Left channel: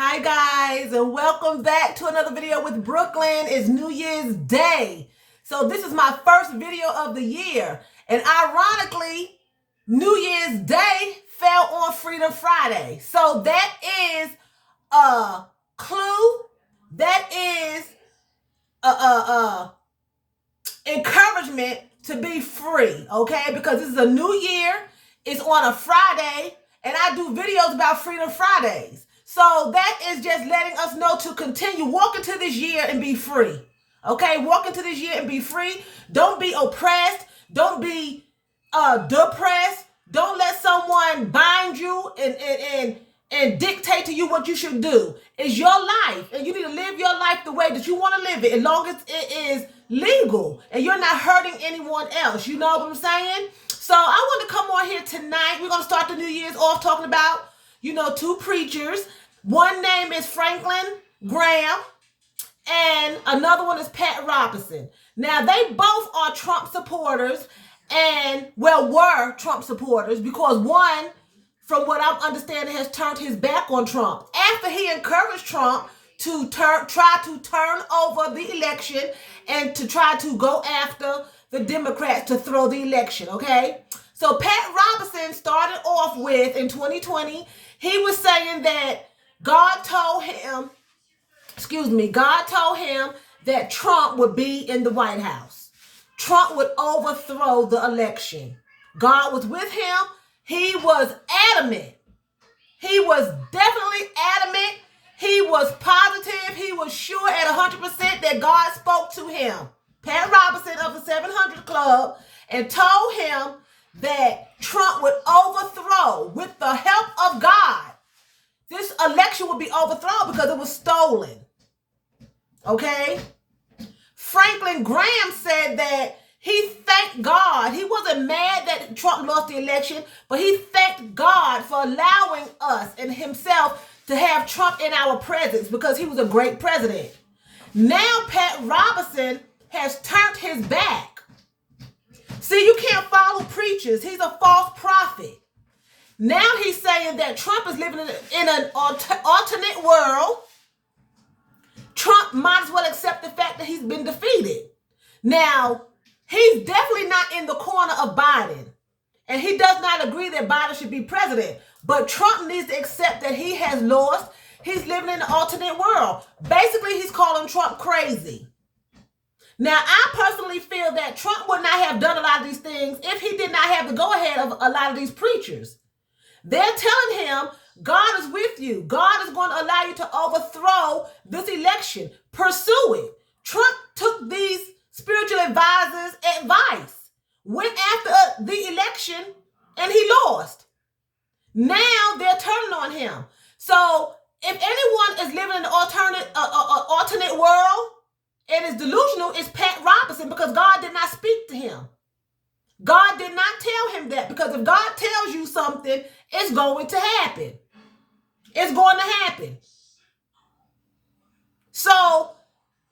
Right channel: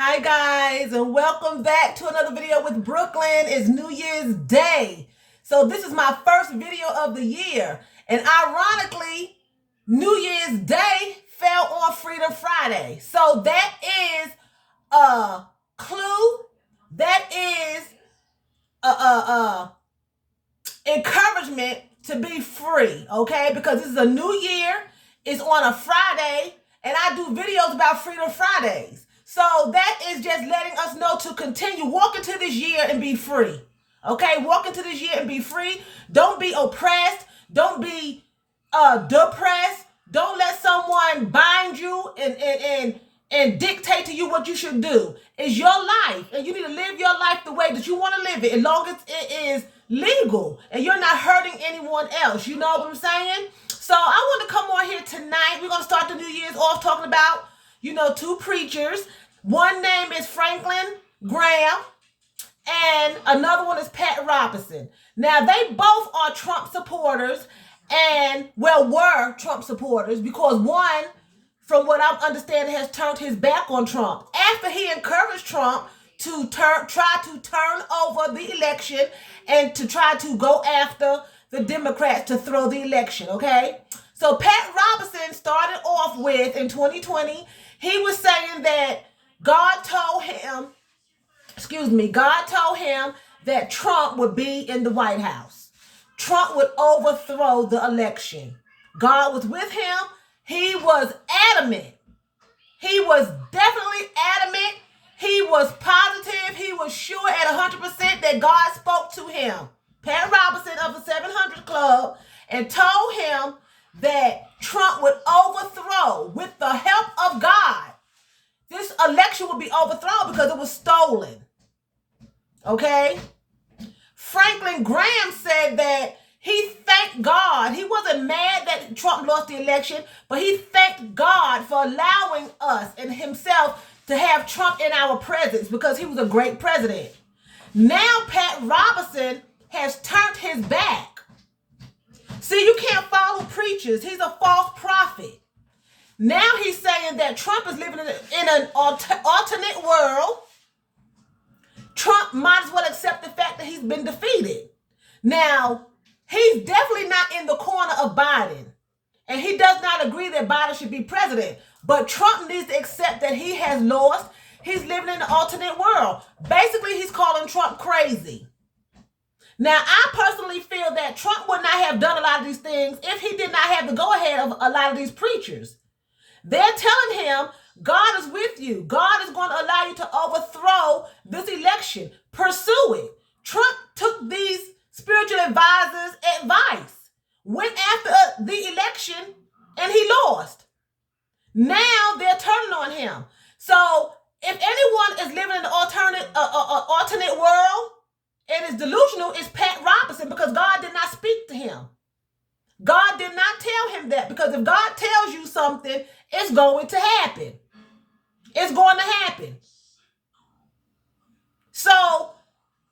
Hi guys, and welcome back to another video with Brooklyn. It's New Year's Day. So this is my first video of the year. And ironically, New Year's Day fell on Freedom Friday. So that is a clue. That is a encouragement to be free, okay? Because this is a new year. It's on a Friday, and I do videos about Freedom Fridays. So that is just letting us know to continue. Walk into this year and be free. Okay? Walk into this year and be free. Don't be oppressed. Don't be depressed. Don't let someone bind you and dictate to you what you should do. It's your life, and you need to live your life the way that you want to live it, as long as it is legal and you're not hurting anyone else. You know what I'm saying? So I want to come on here tonight. We're going to start the New Year's off talking about, two preachers. One name is Franklin Graham, and another one is Pat Robertson. Now, they both are Trump supporters were Trump supporters, because one, from what I'm understanding, has turned his back on Trump after he encouraged Trump to try to turn over the election and to try to go after the Democrats to throw the election, okay? So Pat Robertson started off with, in 2020, he was saying that God told him that Trump would be in the White House. Trump would overthrow the election. God was with him. He was adamant. He was definitely adamant. He was positive. He was sure at 100% that God spoke to him, Pat Robertson of the 700 Club, and told him that Trump would overthrow, with the help of God, this election would be overthrown because it was stolen. Okay? Franklin Graham said that he thanked God. He wasn't mad that Trump lost the election, but he thanked God for allowing us and himself to have Trump in our presence, because he was a great president. Now Pat Robertson has turned his back. See, you can't follow preachers. He's a false prophet. Now he's saying that Trump is living in an alternate world. Trump might as well accept the fact that he's been defeated. Now, he's definitely not in the corner of Biden, and he does not agree that Biden should be president. But Trump needs to accept that he has lost. He's living in an alternate world. Basically, he's calling Trump crazy. Now, I personally feel that Trump would not have done a lot of these things if he did not have the go-ahead of a lot of these preachers. They're telling him, God is with you. God is going to allow you to overthrow this election. Pursue it. Trump took these spiritual advisors' advice, went after the election, and he lost. Now they're turning on him. So if anyone is living in an alternate world and is delusional, it's Pat Robertson, because God did not speak to him. God did not tell him that, because if God tells you something, it's going to happen. It's going to happen. So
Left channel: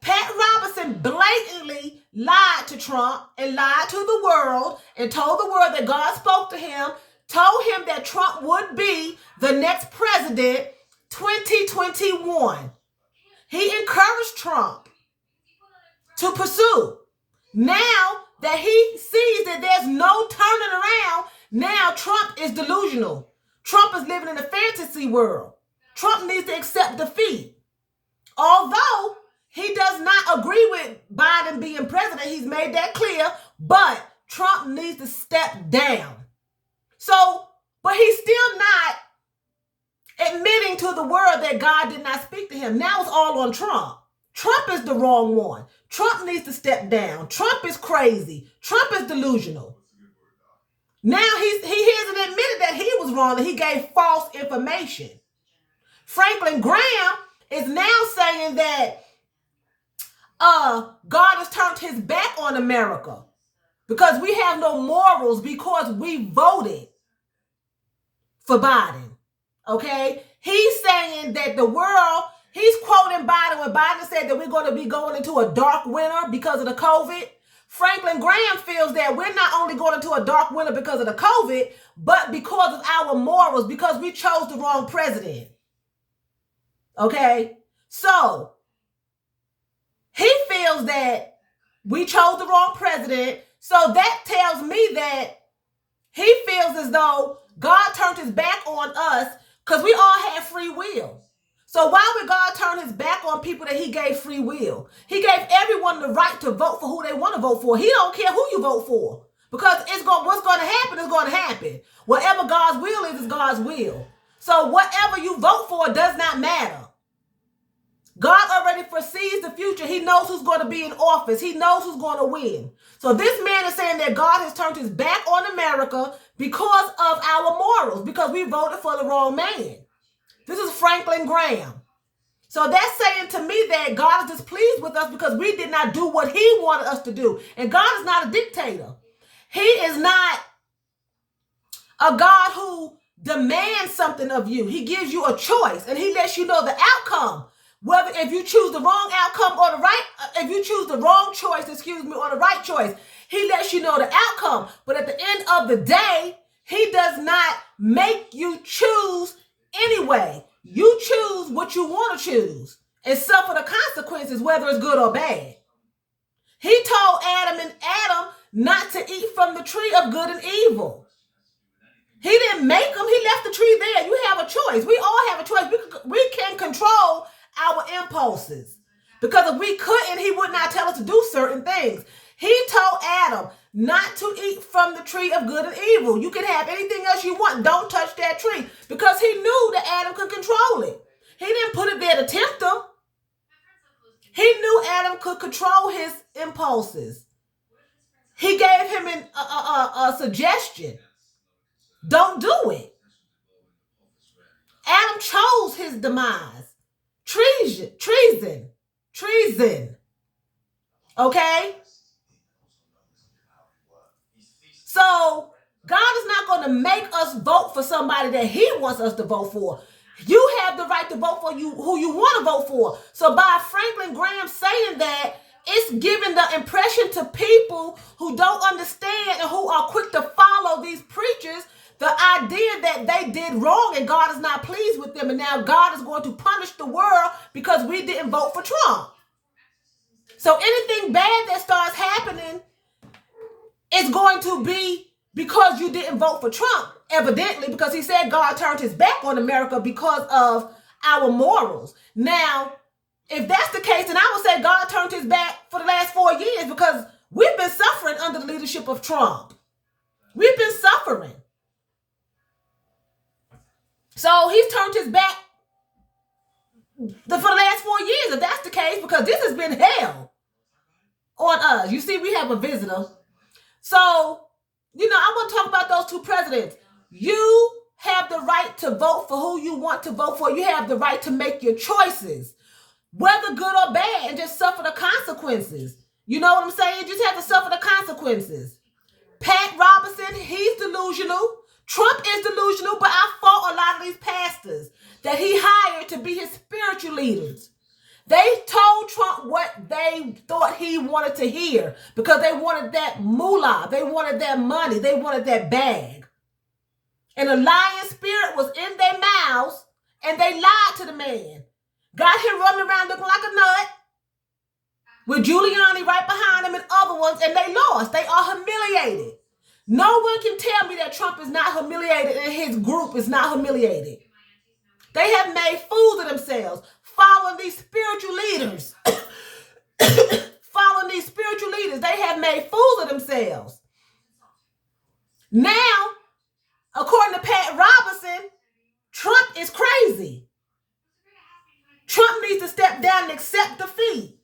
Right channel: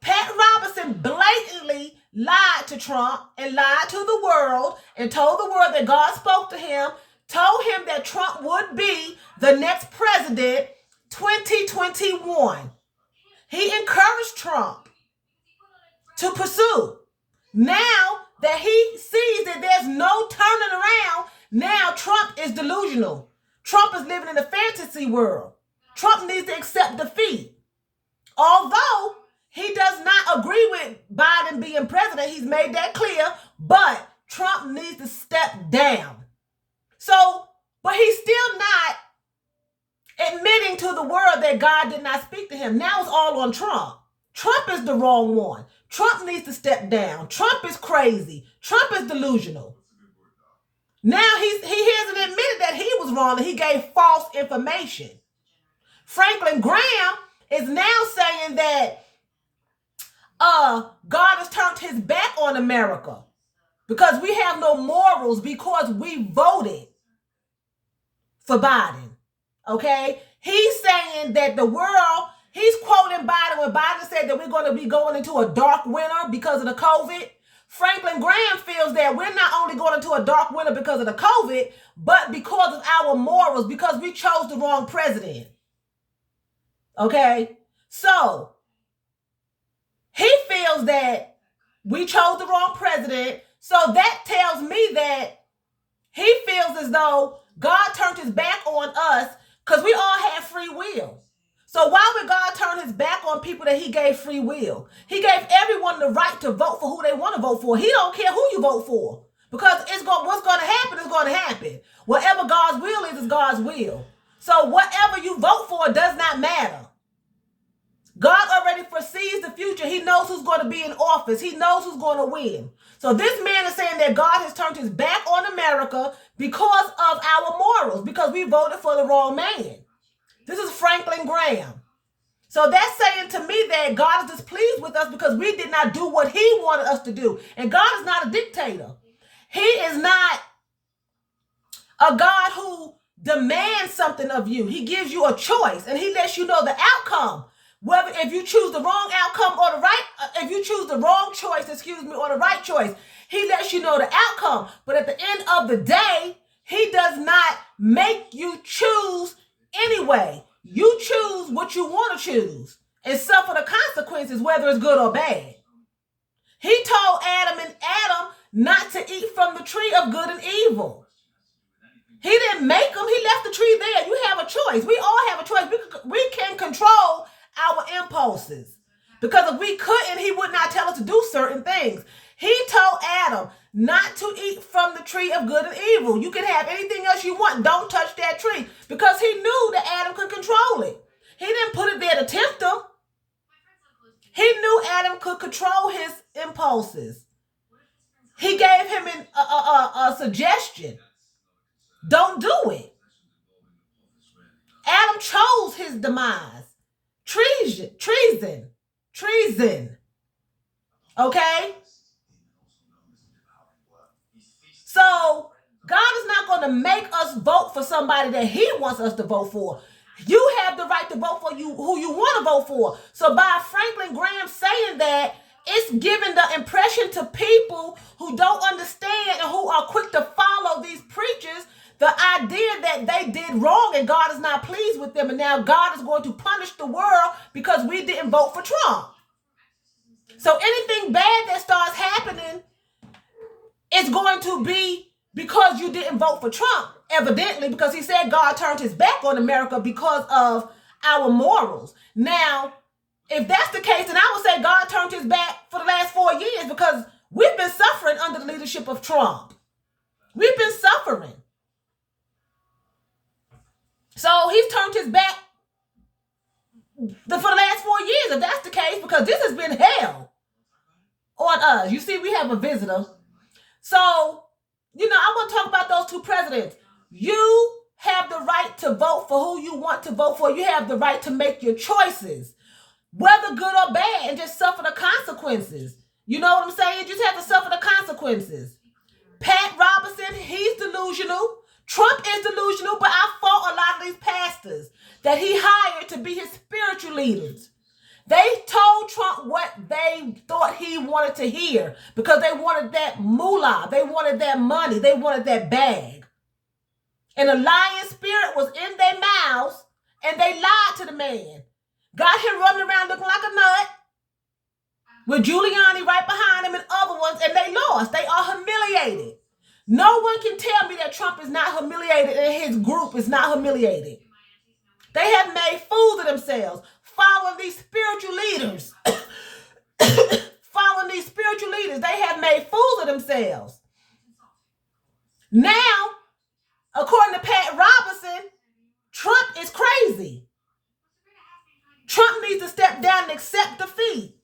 Pat Robertson blatantly lied to Trump and lied to the world and told the world that God spoke to him, told him that Trump would be the next president 2021. He encouraged Trump to pursue. Now that he sees that there's no turning around, now Trump is delusional. Trump is living in a fantasy world. Trump needs to accept defeat. Although he does not agree with Biden being president, he's made that clear, but Trump needs to step down. So, but he's still not admitting to the world that God did not speak to him. Now it's all on Trump. Trump is the wrong one. Trump needs to step down. Trump is crazy. Trump is delusional. Now he hasn't admitted that he was wrong, that he gave false information. Franklin Graham is now saying that God has turned his back on America because we have no morals, because we voted for Biden. Okay? He's saying that the world, he's quoting Biden when Biden said that we're going to be going into a dark winter because of the COVID. Franklin Graham feels that we're not only going into a dark winter because of the COVID, but because of our morals, because we chose the wrong president. Okay? So, he feels that we chose the wrong president. So that tells me that he feels as though God turned his back on us because we all had free will. So why would God turn his back on people that he gave free will? He gave everyone the right to vote for who they want to vote for. He don't care who you vote for. Because what's going to happen is going to happen. Whatever God's will is God's will. So whatever you vote for does not matter. God already foresees the future. He knows who's going to be in office. He knows who's going to win. So this man is saying that God has turned his back on America because of our morals, because we voted for the wrong man. This is Franklin Graham. So that's saying to me that God is displeased with us because we did not do what he wanted us to do. And God is not a dictator. He is not a God who demands something of you. He gives you a choice and he lets you know the outcome. Whether if you choose the wrong outcome or if you choose the wrong choice, or the right choice, he lets you know the outcome. But at the end of the day, he does not make you choose anyway. You choose what you want to choose and suffer the consequences, whether it's good or bad. He told Adam not to eat from the tree of good and evil. He didn't make them. He left the tree there. You have a choice. We all have a choice. We can control our impulses. Because if we couldn't, he would not tell us to do certain things. He told Adam not to eat from the tree of good and evil. You can have anything else you want. Don't touch that tree. Because he knew that Adam could control it. He didn't put it there to tempt him. He knew Adam could control his impulses. He gave him a suggestion. Don't do it. Adam chose his demise. Treason. Okay? So, God is not going to make us vote for somebody that he wants us to vote for. You have the right to vote for who you want to vote for. So, by Franklin Graham saying that, it's giving the impression to people who don't understand and who are quick to follow these preachers the idea that they did wrong and God is not pleased with them. And now God is going to punish the world because we didn't vote for Trump. So anything bad that starts happening is going to be because you didn't vote for Trump, evidently, because he said God turned his back on America because of our morals. Now, if that's the case, then I would say God turned his back for the last 4 years because we've been suffering under the leadership of Trump. We've been suffering. So he's turned his back for the last 4 years, if that's the case, because this has been hell on us. You see, we have a visitor. So, I want to talk about those two presidents. You have the right to vote for who you want to vote for. You have the right to make your choices, whether good or bad, and just suffer the consequences. You know what I'm saying? You just have to suffer the consequences. Pat Robertson, he's delusional. Trump is delusional, but I fought a lot of these pastors that he hired to be his spiritual leaders. They told Trump what they thought he wanted to hear because they wanted that moolah. They wanted that money. They wanted that bag. And a lying spirit was in their mouths, and they lied to the man. Got him running around looking like a nut with Giuliani right behind him and other ones, and they lost. They are humiliated. No one can tell me that Trump is not humiliated and his group is not humiliated. They have made fools of themselves following these spiritual leaders. They have made fools of themselves. Now, according to Pat Robertson, Trump is crazy. Trump needs to step down and accept defeat.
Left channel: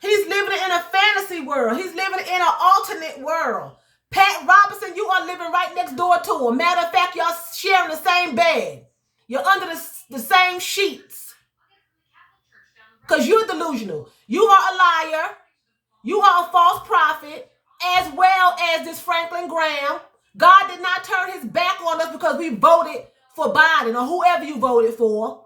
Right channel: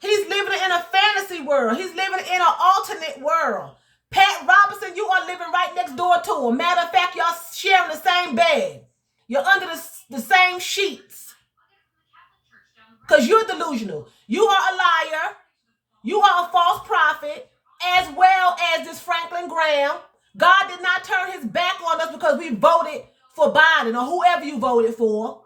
He's living in a fantasy world. He's living in an alternate world. Pat Robertson, you are living right next door to him. Matter of fact, y'all sharing the same bed. You're under the same sheets. Because you're delusional. You are a liar. You are a false prophet, as well as this Franklin Graham. God did not turn his back on us because we voted for Biden or whoever you voted for.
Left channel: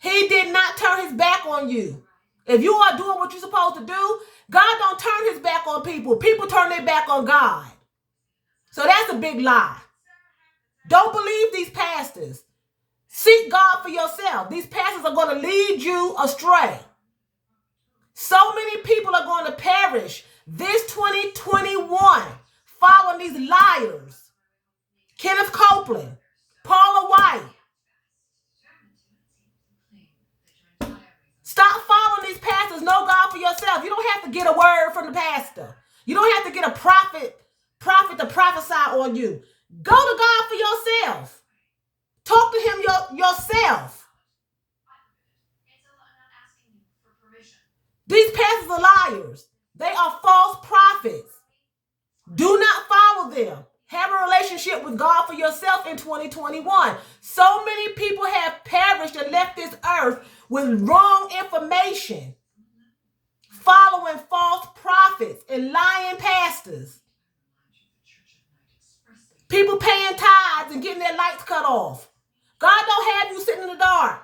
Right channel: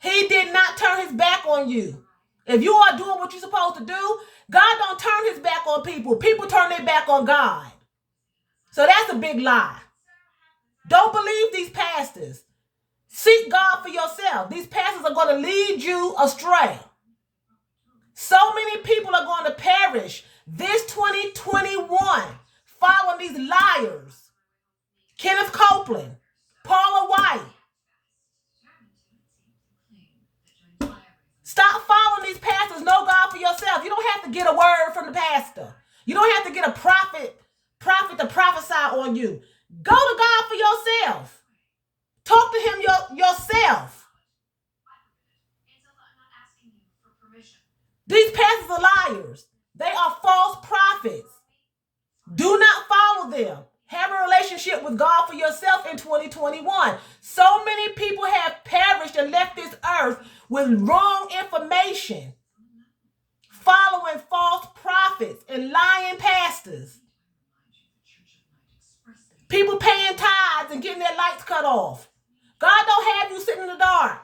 He did not turn his back on you. If you are doing what you're supposed to do, God don't turn his back on people. People turn their back on God. So that's a big lie. Don't believe these pastors. Seek God for yourself. These pastors are going to lead you astray. So many people are going to perish this 2021 following these liars. Kenneth Copeland, Paula White. Stop following these pastors. Know God for yourself. You don't have to get a word from the pastor. You don't have to get a prophet to prophesy on you. Go to God for yourself. Talk to him yourself. These pastors are liars. They are false prophets. Do not follow them. Have a relationship with God for yourself in 2021. So many people have perished and left this earth with wrong information, following false prophets and lying pastors. People paying tithes and getting their lights cut off. God don't have you sitting in the dark.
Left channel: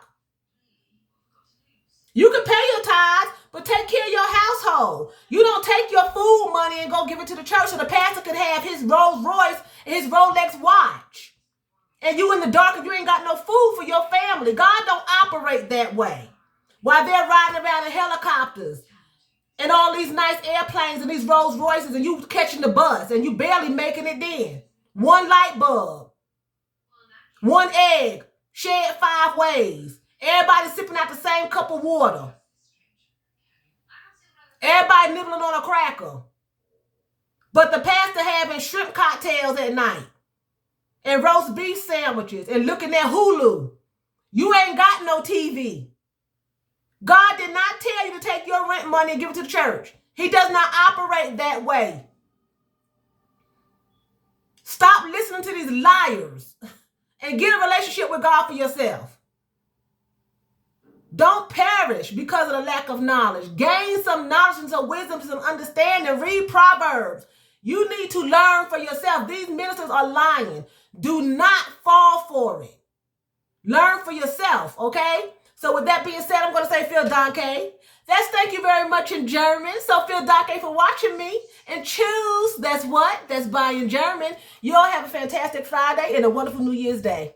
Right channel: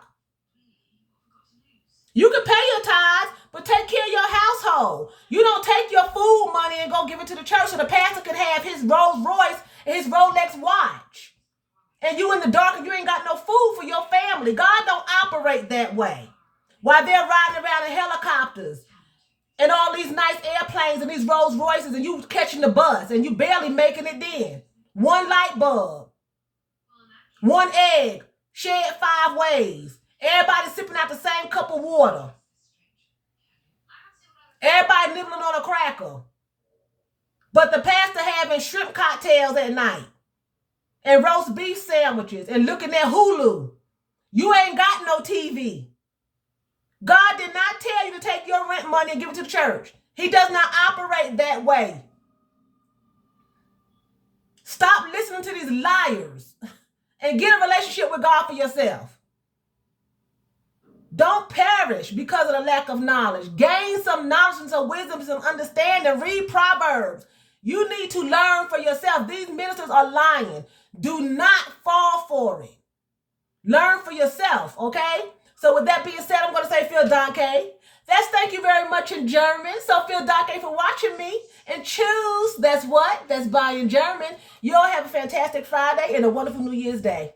You can pay your tithes, but take care of your household. You don't take your food money and go give it to the church so the pastor can have his Rolls Royce and his Rolex watch. And you in the dark and you ain't got no food for your family. God don't operate that way. While they're riding around in helicopters and all these nice airplanes and these Rolls Royces and you catching the bus and you barely making it in. One light bulb, one egg, shared 5 ways. Everybody sipping out the same cup of water. Everybody nibbling on a cracker. But the pastor having shrimp cocktails at night and roast beef sandwiches and looking at Hulu. You ain't got no TV. God did not tell you to take your rent money and give it to the church. He does not operate that way. Stop listening to these liars and get a relationship with God for yourself. Don't perish because of the lack of knowledge. Gain some knowledge and some wisdom, some understanding. Read Proverbs. You need to learn for yourself. These ministers are lying. Do not fall for it. Learn for yourself, okay? So with that being said, I'm going to say vielen Dank. That's thank you very much in German. So vielen Dank for watching me. And choose, that's what? That's bye in German. You all have a fantastic Friday and a wonderful New Year's Day.